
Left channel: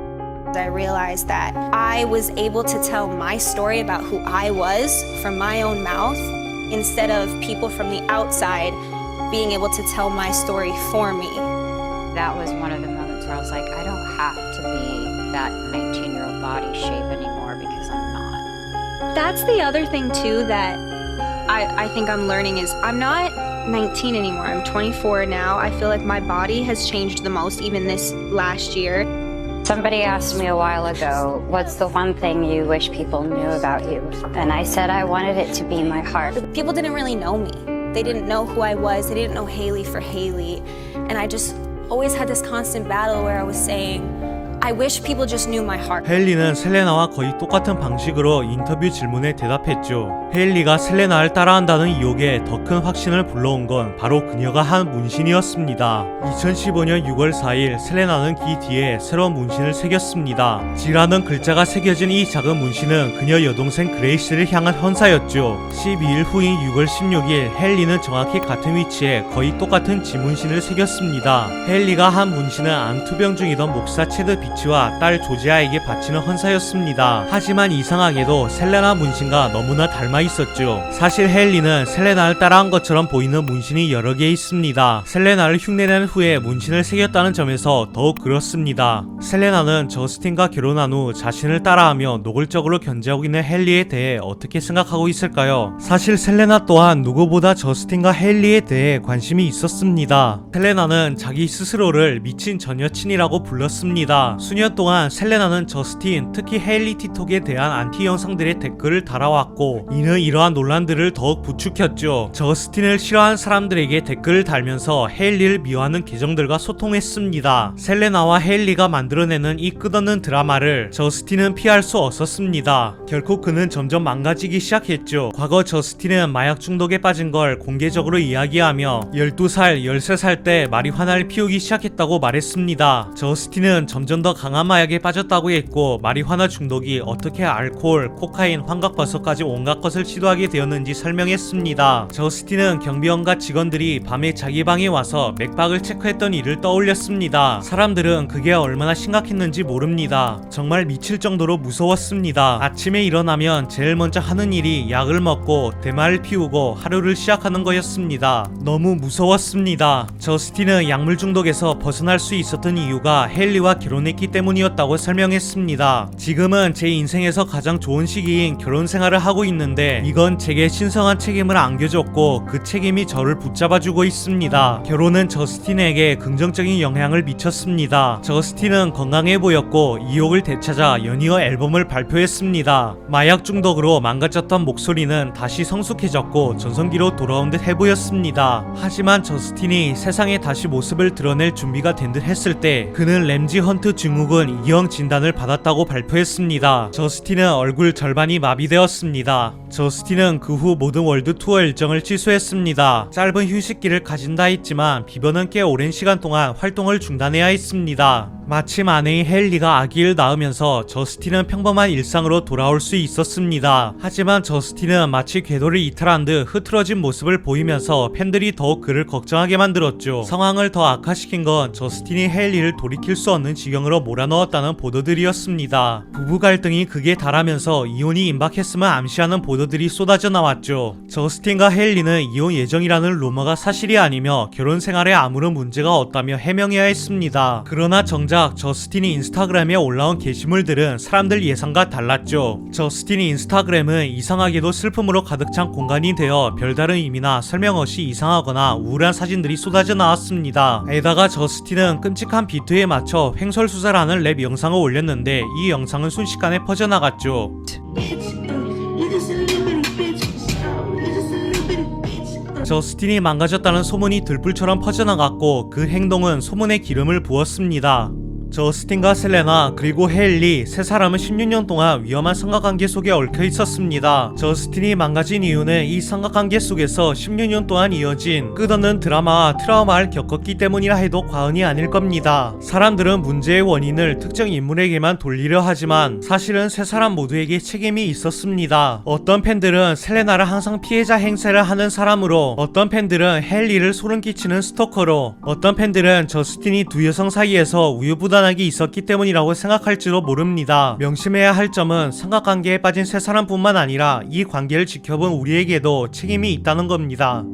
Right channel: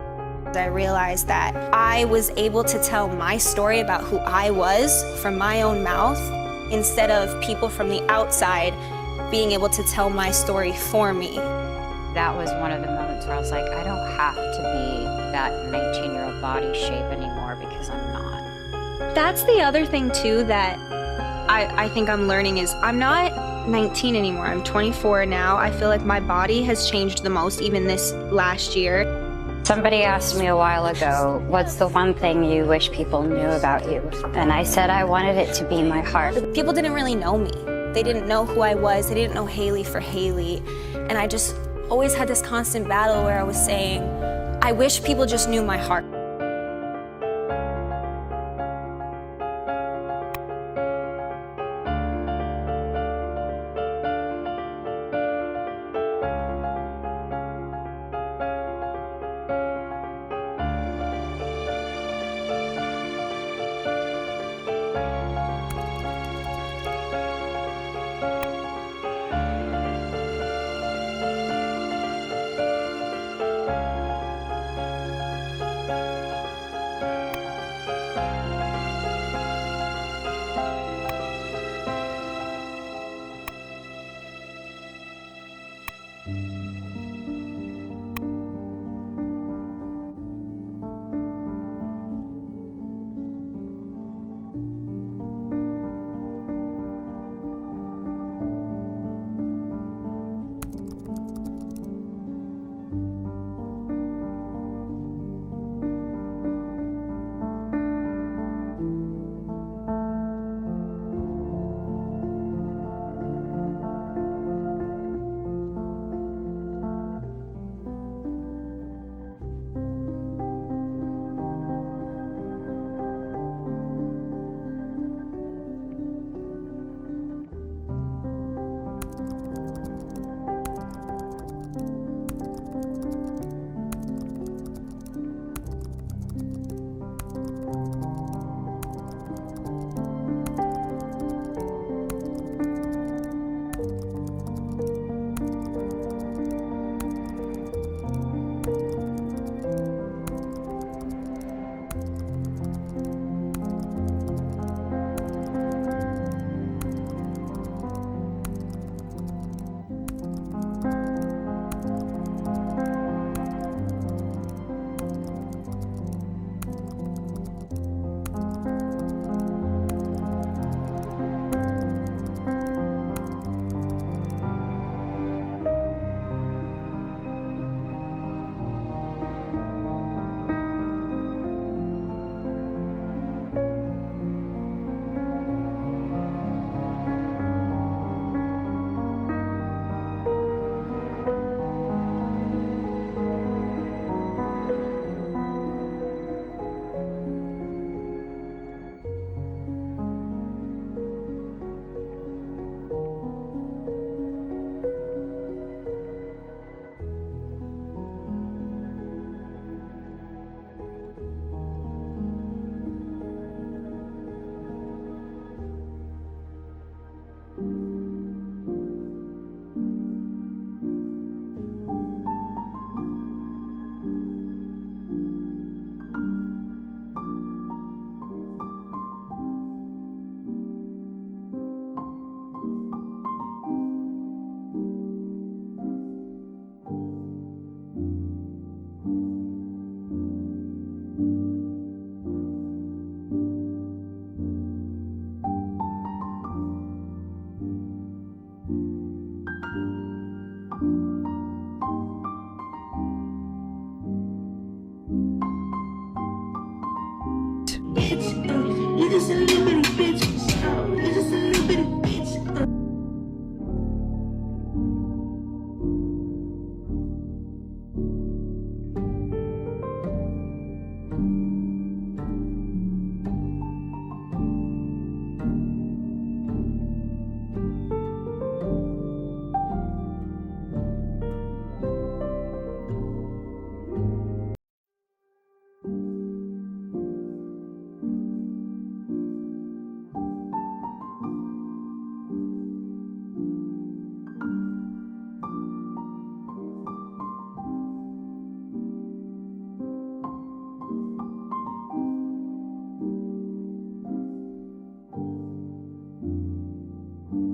I realized that I was able to tell my story about who I was from my own mouth instead of people from the outside being able to tell my story for me. That was one of the moments where I was like, I don't have to be that 19-year-old body shape anymore because I'm not. That's the other thing too that I think I'm learning is I'm not 19 anymore. I'm 24 now. I feel like my body has changed the most even this last year. Somebody asked me a while ago, what's the one thing you wish people knew about you? And I said I wanted it to be my heart. People didn't really know me. They didn't know who I was. They didn't know Haley for Haley. And I just always had this constant battle where I was saying, I wish people just knew my heart. 헨리는 셀레나와 거의 똑같은 방식으로 인터뷰 질문에 대답했죠. 헨리가 셀레나를 따라한다는 의혹에 더 큰 확신을 불러온 건 바로 그녀가 한 문신이었습니다. 2015년 6월 4일 셀레나는 귀 뒤에 새로운 문신을 새겼습니다. G라는 글자가 새겨진 이 작은 문신은 그녀 여동생 그레이시를 향한 헌사였죠. 12일 후인 6월 16일 헨리는 정확히 같은 위치에 거의 똑같은 G 문신을 새겼습니다. 헨리가 한 문신은 암투병 중이던 목사 체드 비치와 딸 조지아에게 바치는 헌사였습니다. 하지만 이상하게도 셀레나 문신과 너무나 닮아 있었죠. 사실 헨리는 셀레나를 따라한 것처럼 보이는 문신이 여러 개 있습니다. 셀레나를 흉내낸 후에 문신을 새겼다는 점에서 더욱 그렇습니다. 셀레나는 저스틴과 결혼한 후 자신을 따라하며 노골적으로 견제하고 있는 헨리에 대해 어떻게 생각하고 있을까요? 사실 셀레나 또한 누구보다 저스틴과 헨리에 대해 관심이 있었습니다. 셀레나는 자기 스스로를 미친 전 여친이라고 불렀습니다. 수년 동안 셀레나는 저스틴, 특히 헨리 틱톡에 대한 안티 영상들의 댓글을 달아왔고 이는 이러한 논란들을 더욱 부추겼죠. 저스틴을 싫어하는 사람들에게 댓글을 달면서 헨리를 미워하는 계정들과 소통했습니다. 셀레나와 헨리가 만들어내는 이 끝없는 드라마를 저스틴은 피할 수 없었습니다. 결국 그는 점점 망가지기 시작했죠. 과거 저스틴은 마약 중독에 빠진 걸 공개적으로 이야기하며 12살, 13살 때 마리화나를 피우기 시작했다고 말했습니다. 저스틴은 점점 더 강한 마약에 빠졌다고 했고 마리화나 중독이 어떻게 알코올, 코카인, 환각버섯까지 온갖 것을 시도하게 되었는지 설명했습니다. 저스틴은 경비원과 직원들이 밤에 자기 방에 와서 맥박을 체크했던 일을 떠올렸습니다. 사람들은 그게 얼마나 심각했는지 모릅니다. 정말 미칠 정도로 무서웠습니다. 아침에 일어나면 제일 먼저 하는 일이 약을 먹고 대마를 피우고 하루를 시작하는 거였습니다. 너무 무서웠습니다. 저스틴은 약물 중독에서 벗어날 수 있었던 이유가 헨리와 결혼했기 때문이었다고 설명했습니다. 지금은 제 인생에서 가장 좋은 시기인 결혼 생활을 하고 있는데 이건 제게 신성한 책임을 안겨줬고 그 책임이 저를 붙잡아주고 있습니다. 결혼은 저스틴에게 긍정적인 영향을 미쳤습니다. 저스틴은 건강해 보였고 이욕을 되찾아 연이어 앨범을 발표했습니다. 마약 중독으로 망가졌던 목소리는 다시 성숙해졌고 전성기로 돌아온 듯 해보였습니다. 하지만 저스틴이 세상에 다시 모습을 드러낼 준비가 된 듯 했을 때 그는 램지 헌트 증후군 2형 진단을 받았다고 발표했습니다. 저스틴은 얼굴 절반이 마비되었습니다. 저스틴은 그 후 모든 월드 투어 일정을 취소했습니다. 짧은 휴식기를 가진다 했지만 비버는 꽤 오랜 시간 동안 활동을 중단해야 했습니다. 마침 아내인 헨리가 아기를 낳으면서 저스틴은 평범한 일상으로 돌아올 수 있었습니다. 하지만 저스틴은 마치 궤도를 이탈한 듯 흐트러진 모습을 보이면서 팬들이 더욱 그를 걱정하게 만들었죠. 상황을 더 악화시킨 건 저스틴이 헨리를 돌이킬 수 없는 지경으로 몰아넣었다는 보도들이었습니다. 부부 갈등이 극에 달하면서 이혼이 임박했음을 암시하는 보도들이 쏟아져 나왔죠. 저스틴과 헨리는 이혼 예정이라는 루머가 사실이 아니며 결혼 생활에 아무런 문제가 없다며 해명해야 했습니다. 그러나 정작 저스틴이 인스타그램에 올라온 게시물들은 사람들 예상과 달랐죠. 저스틴이 인스타그램은 이상하게도 슬픔으로 가득 찬 공간이 되어 별다른 의미나 설명 없이 이상하거나 우울한 사진들이 쏟아져 나왔습니다. 게다가 저스틴은 끔찍한 비트에 맞춰 횡설수설하는 랩 영상을 올렸는데 이 영상은 순식간에 퍼져나갔죠. 저스틴이 망가졌다는 소문이 들불처럼 퍼져나갔고 그 행동은 소문에 기름을 부었습니다. 저스틴과 셀레나 그리고 헤일리 세 사람은 16년 동안 위험한 삼각관계 속에 얽혀 있었습니다. 저스틴이 망가진 이유는 이 삼각관계 속에서 16년 동안 이어진 끝없는 드라마와 트라우마를 겪었기 때문이라 해도 과언이 아닐 겁니다. 사람들은 문제의 원인을 특정 인물에게만 돌리려 하지만 사실은 세 사람 모두에게 책임이 있었습니다. 어떤 팬들은 셀레나를 항상 피해자 행세를 하는 사람으로, 어떤 팬들은 헤일리를 소름 끼치는 스토커로, 어떤 팬들은 저스틴이 두 여성 사이에서 우유부단하게 있었기 때문이라고 생각할지도 모릅니다. 명심해야 할 점은 삼각관계에 빠진 세 사람뿐만 아니라 이 관계를 지켜본 우리에게도 책임이 있다는 겁니다.